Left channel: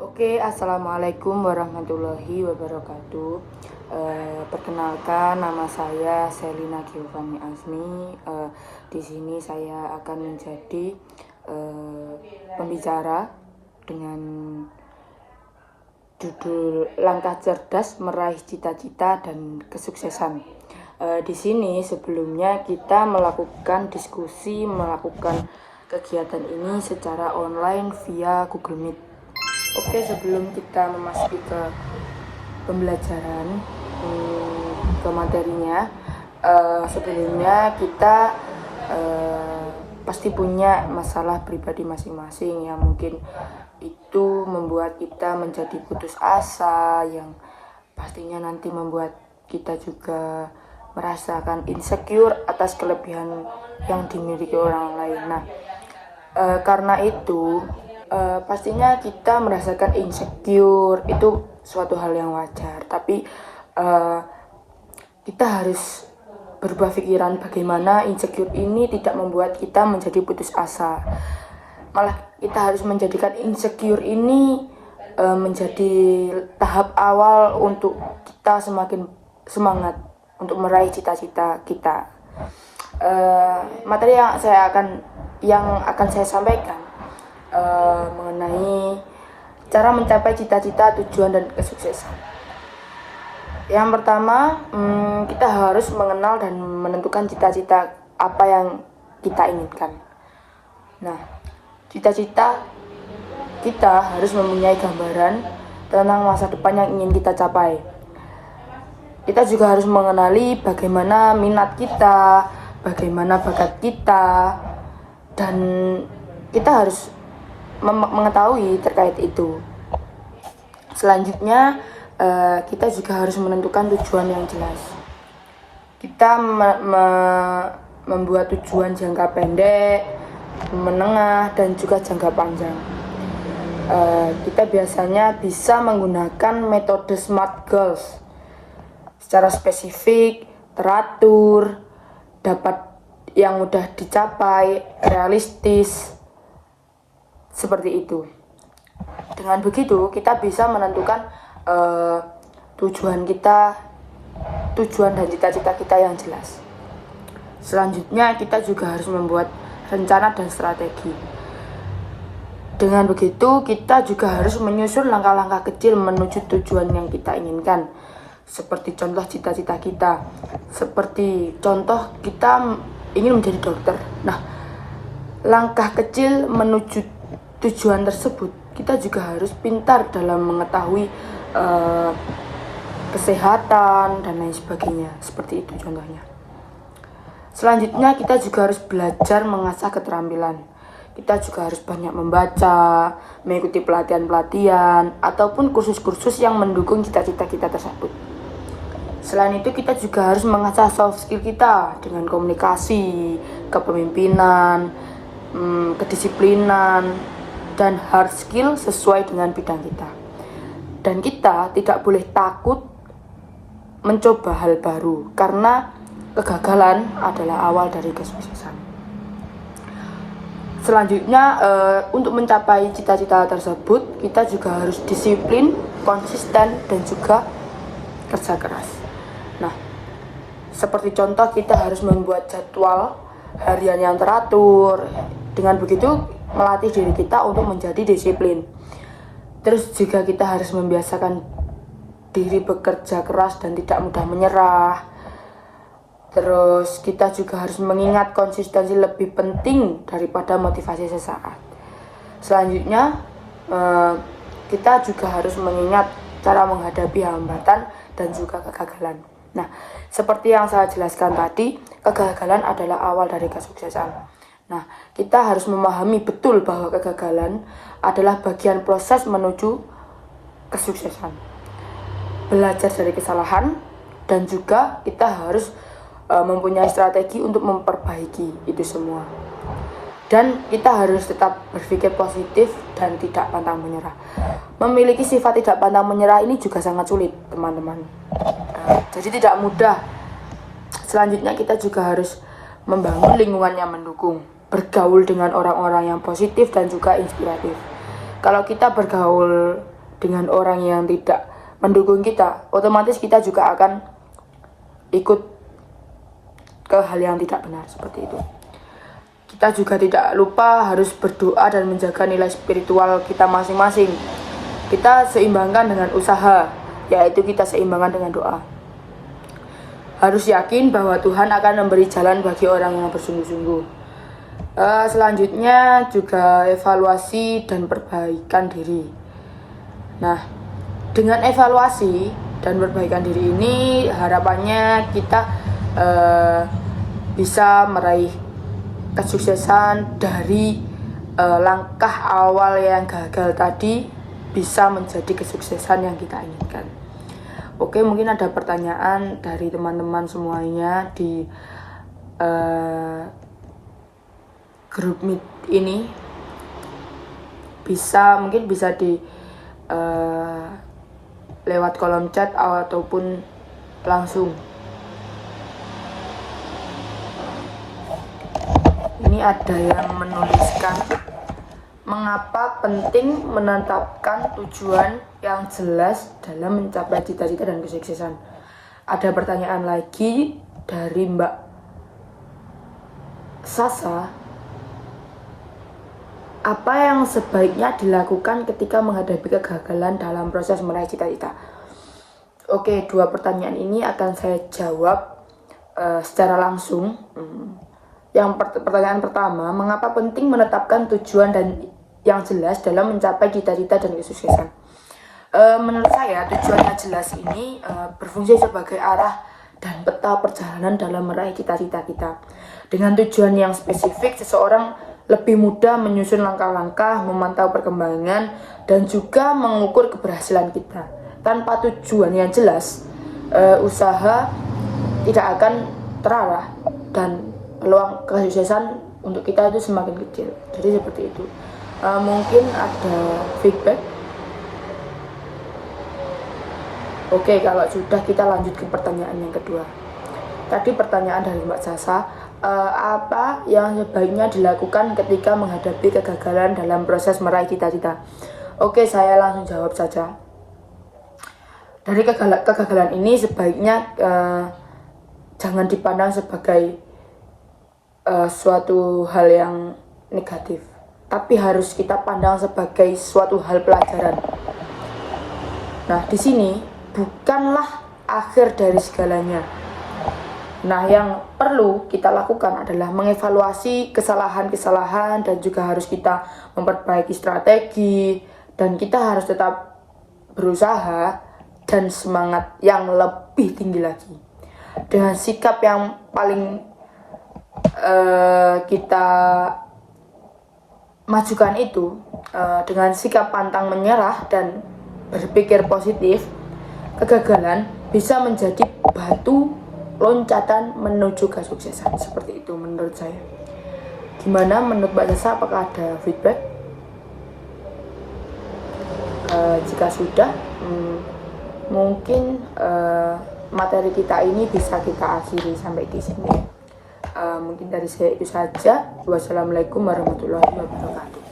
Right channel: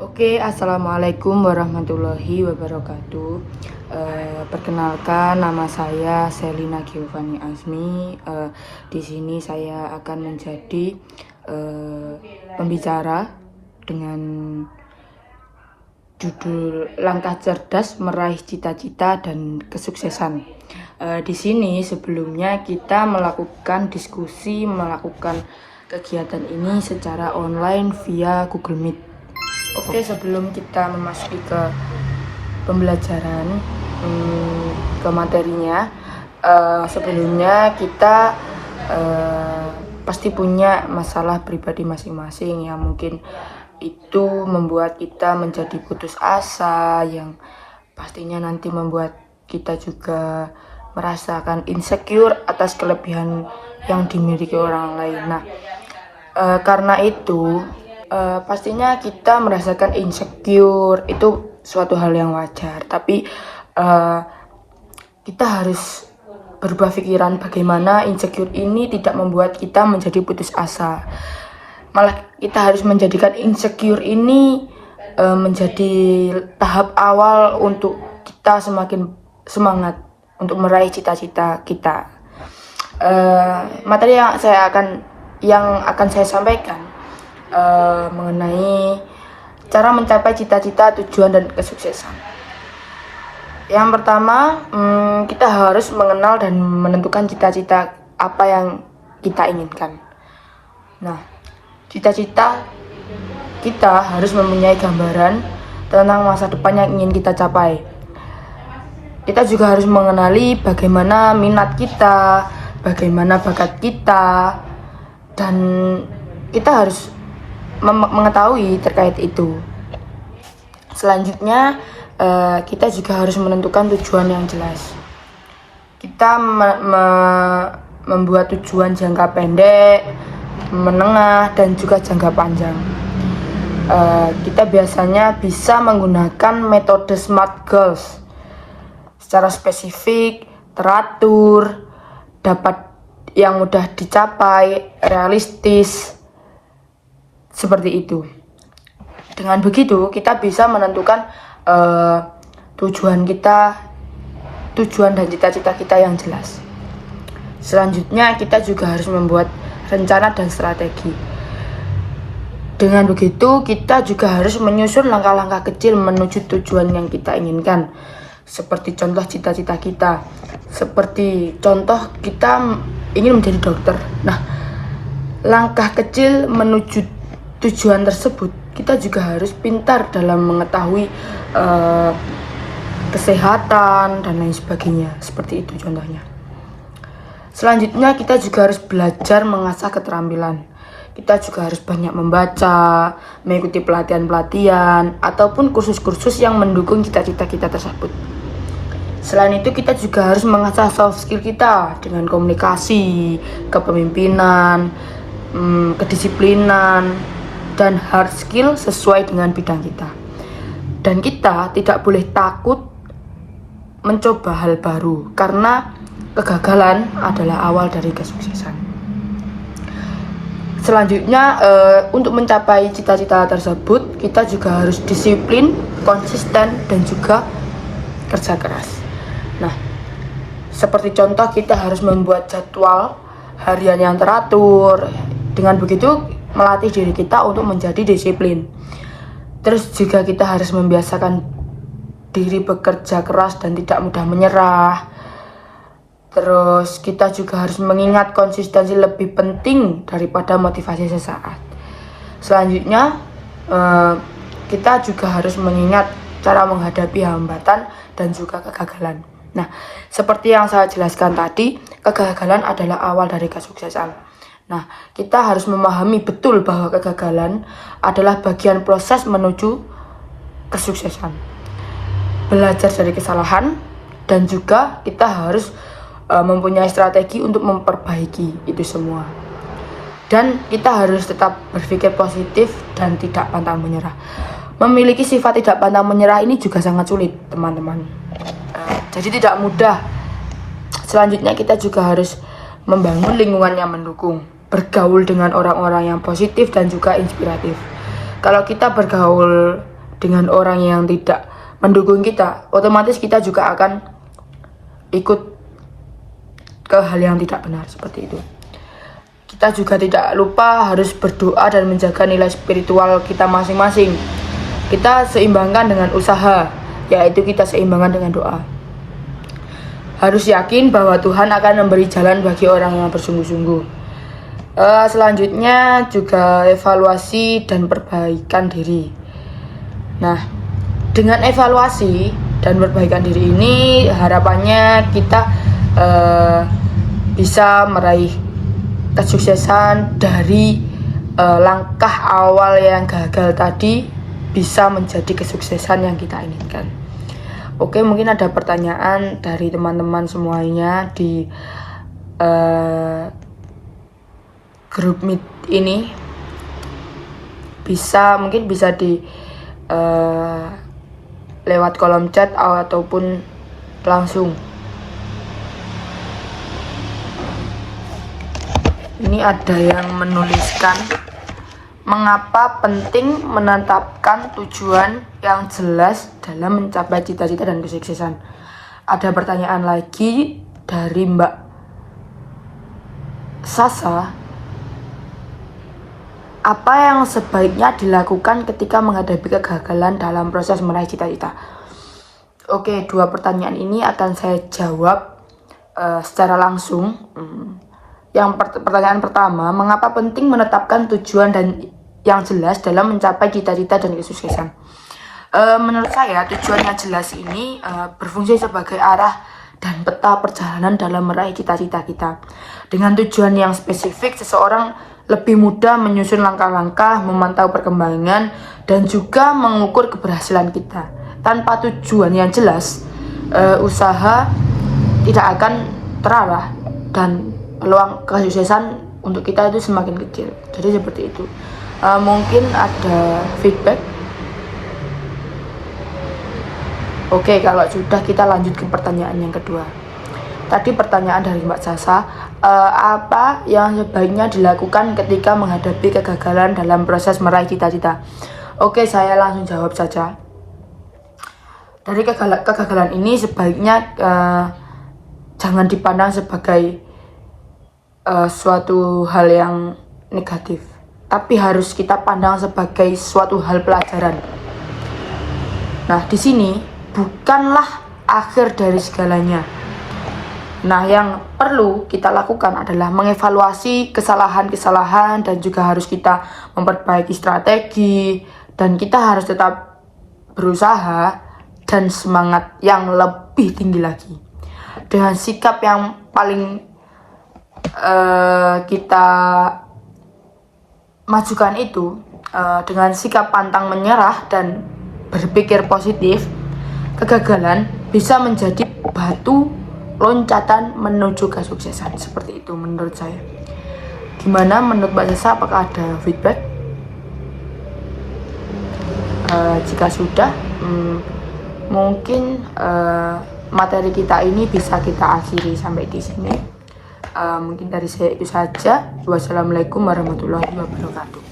Oke, assalamualaikum warahmatullahi wabarakatuh. Perkenalkan, nama saya Selina Giovanni Azmi. Di sini saya akan menjadi pembicara dengan judul Langkah Cerdas Meraih Cita-Cita dan Kesuksesan. Di sini sebelumnya kita melakukan kegiatan ini secara online via Google Meet. Oke, sebelum kita memasuki ke pembelajaran, ke materinya, sebelumnya kita pasti punya masalah pribadi masing-masing yang mungkin itu membuat kita menjadi putus asa, yang pastinya nanti membuat kita juga merasakan insecure atas kelebihan yang dimiliki orang lain. Nah, karena itu pastinya kita merasakan insecure, itu suatu hal yang wajar, tapi kita harus berubah pikiran bagaimana insecure ini tidak membuat kita menjadi putus asa. Malah kita harus menjadikan insecure ini menjadi tahap awal untuk kita semakin semangat untuk meraih cita-cita kita. Materi yang akan saya sampaikan mengenai cara mencapai cita-cita, tujuan, dan kesuksesan. Yang pertama, kita harus mengenal dan menentukan cita-cita apa yang kita inginkan. Nah, cita-cita kita harus mempunyai gambaran tentang masa depan yang ingin kita capai. Kita juga harus mengenali bagaimana minat kita, bagaimana bakat kita, dan kita harus mengetahui terkait itu. Selanjutnya, kita juga harus menentukan tujuan yang jelas. Kita membuat tujuan jangka pendek, menengah, dan juga jangka panjang. Kita biasanya bisa menggunakan metode SMART Goals secara spesifik, teratur, dapat yang mudah dicapai, realistis, seperti itu. Dengan begitu kita bisa menentukan tujuan dan cita-cita kita yang jelas. Selanjutnya kita juga harus membuat rencana dan strategi. Dengan begitu kita juga harus menyusun langkah-langkah kecil menuju tujuan yang kita inginkan. Seperti contoh cita-cita kita, seperti contoh kita ingin menjadi dokter. Nah, langkah kecil menuju tujuan tersebut, kita juga harus pintar dalam mengetahui kesehatan dan lain sebagainya. Seperti itu contohnya. Selanjutnya kita juga harus belajar mengasah keterampilan. Kita juga harus banyak membaca, mengikuti pelatihan-pelatihan, ataupun kursus-kursus yang mendukung cita-cita kita tersebut. Selain itu kita juga harus mengasah soft skill kita dengan komunikasi, kepemimpinan, kedisiplinan, dan hard skill sesuai dengan bidang kita. Dan kita tidak boleh takut mencoba hal baru, karena kegagalan adalah awal dari kesuksesan. Selanjutnya, untuk mencapai cita-cita tersebut, kita juga harus disiplin, konsisten, dan juga kerja keras. Nah, seperti contoh kita harus membuat jadwal harian yang teratur. Dengan begitu melatih diri kita untuk menjadi disiplin. Terus juga kita harus membiasakan diri bekerja keras dan tidak mudah menyerah. Terus kita juga harus mengingat konsistensi lebih penting daripada motivasi sesaat. Selanjutnya, kita juga harus mengingat cara menghadapi hambatan dan juga kegagalan. Nah, seperti yang saya jelaskan tadi, kegagalan adalah awal dari kesuksesan. Nah, kita harus memahami betul bahwa kegagalan adalah bagian proses menuju kesuksesan. Belajar dari kesalahan, dan juga kita harus mempunyai strategi untuk memperbaiki itu semua. Dan kita harus tetap berpikir positif dan tidak pantang menyerah. Memiliki sifat tidak pantang menyerah ini juga sangat sulit, teman-teman. Jadi tidak mudah. Selanjutnya kita juga harus membangun lingkungan yang mendukung, bergaul dengan orang-orang yang positif dan juga inspiratif. Kalau kita bergaul dengan orang yang tidak mendukung kita, otomatis kita juga akan ikut ke hal yang tidak benar seperti itu. Kita juga tidak lupa harus berdoa dan menjaga nilai spiritual kita masing-masing. Kita seimbangkan dengan usaha, yaitu kita seimbangkan dengan doa. Harus yakin bahwa Tuhan akan memberi jalan bagi orang yang bersungguh-sungguh. Selanjutnya juga evaluasi dan perbaikan diri. Nah, dengan evaluasi dan perbaikan diri ini harapannya kita bisa meraih kesuksesan dari langkah awal yang gagal tadi bisa menjadi kesuksesan yang kita inginkan. Oke, mungkin ada pertanyaan dari teman-teman semuanya di grup Meet ini. Mungkin bisa di lewat kolom chat ataupun langsung. Ini ada yang menuliskan, mengapa penting menetapkan tujuan yang jelas dalam mencapai cita-cita dan kesuksesan. Ada pertanyaan lagi dari Mbak Sasa. Apa yang sebaiknya dilakukan ketika menghadapi kegagalan dalam proses meraih cita-cita? Oke, dua pertanyaan ini akan saya jawab secara langsung. Yang pertanyaan pertama, mengapa penting menetapkan tujuan dan yang jelas dalam mencapai cita-cita dan kesuksesan? Menurut saya, tujuan yang jelas ini berfungsi sebagai arah dan peta perjalanan dalam meraih cita-cita kita. Dengan tujuan yang spesifik, seseorang lebih mudah menyusun langkah-langkah, memantau perkembangan, dan juga mengukur keberhasilan kita. Tanpa tujuan yang jelas, usaha tidak akan terarah dan peluang kesuksesan untuk kita itu semakin kecil. Jadi seperti itu. Mungkin ada feedback. Oke, kalau sudah kita lanjut ke pertanyaan yang kedua. Tadi pertanyaan dari Mbak Sasa, apa yang sebaiknya dilakukan ketika menghadapi kegagalan dalam proses meraih cita-cita? Oke, saya langsung jawab saja. Dari kegagalan ini sebaiknya jangan dipandang sebagai suatu hal yang negatif, tapi harus kita pandang sebagai suatu hal pelajaran. Nah, di sini bukanlah akhir dari segalanya. Nah, yang perlu kita lakukan adalah mengevaluasi kesalahan-kesalahan dan juga harus kita memperbaiki strategi, dan kita harus tetap berusaha dan semangat yang lebih tinggi lagi. Dengan sikap yang paling kita majukan itu, dengan sikap pantang menyerah dan berpikir positif, kegagalan bisa menjadi batu loncatan menuju kesuksesan. Seperti itu menurut saya. Gimana menurut Mbak Sasa, apakah ada feedback? Jika sudah, mungkin materi kita ini bisa kita akhiri sampai di sini. Mungkin dari saya itu saja. Wassalamualaikum warahmatullahi wabarakatuh.